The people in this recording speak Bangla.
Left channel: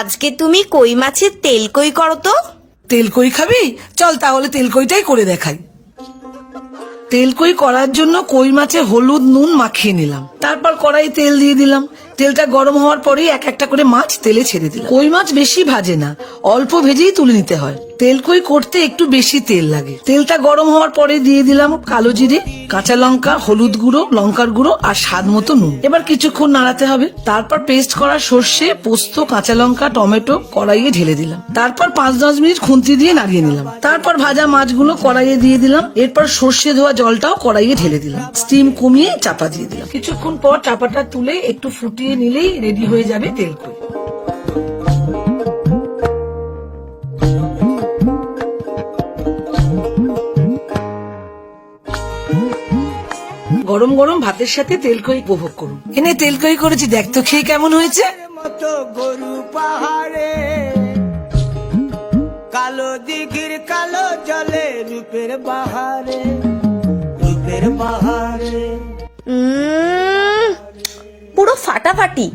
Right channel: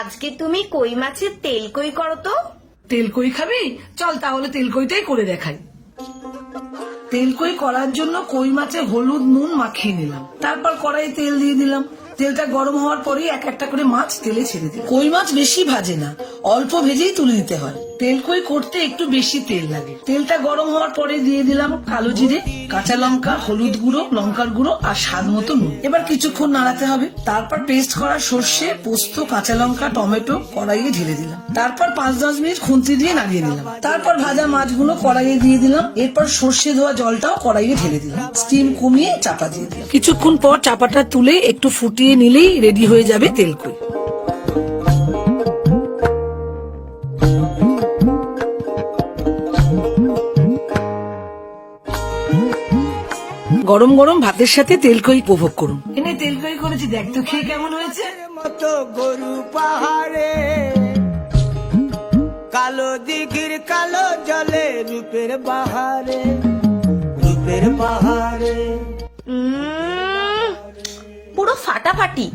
আজকে তুমি কই মাছের তেল কই করো তো। তেল কই খাবি? চল তাহলে তেল কইটাই করে দেখাই। তেল কই করার জন্য কই মাছে হলুদ নুন মাখিয়ে নিলাম, তারপর কড়াই তেল দিয়ে দিলাম। তেলটা গরম হওয়ার পরেই এক একটা করে মাছ তেলে ছেড়ে দিলাম। কই মাছ বেশি ভাজে না, অল্প ভেজেই তুলে নিতে হয়। তেল কই করতে একটু বেশি তেল লাগে। তেলটা গরম হওয়ার পরে দিয়ে দিলাম কালো জিরে, কাঁচা লঙ্কা, হলুদ গুঁড়ো, লঙ্কার গুঁড়ো আর স্বাদ মতো নুন। এবার কিছুক্ষণ নাড়াতে হবে। তারপর পেস্ট করা সর্ষে, পোস্ত, কাঁচা লঙ্কা, টমেটো কড়াইয়ে ঢেলে দিলাম। তারপর 5-10 মিনিট খুন্তি দিয়ে নাড়িয়ে নিলাম। তারপর ভাজা মাছগুলো কড়াইয়ে দিয়ে দিলাম। এরপর সর্ষে ধোয়া জলটাও কড়াইয়ে ঢেলে দিলাম। স্টিম কমিয়ে চাপা দিয়ে দিলাম। কিছুক্ষণ পর চাপাটা তুলে একটু ফুটিয়ে নিলেই রেডি হয়ে যাবে তেল কই। গরম গরম ভাতের সাথে তেল কই উপভোগ করুন। এনে তেল কই করেছি, দেখ তো খেয়ে কেমন হয়েছে। মতো গরু পাহাড়ে, কালো দিঘির কালো জলে, রূপের বাহারে, রূপের বাহারে। পুরো ফাটাফাটি।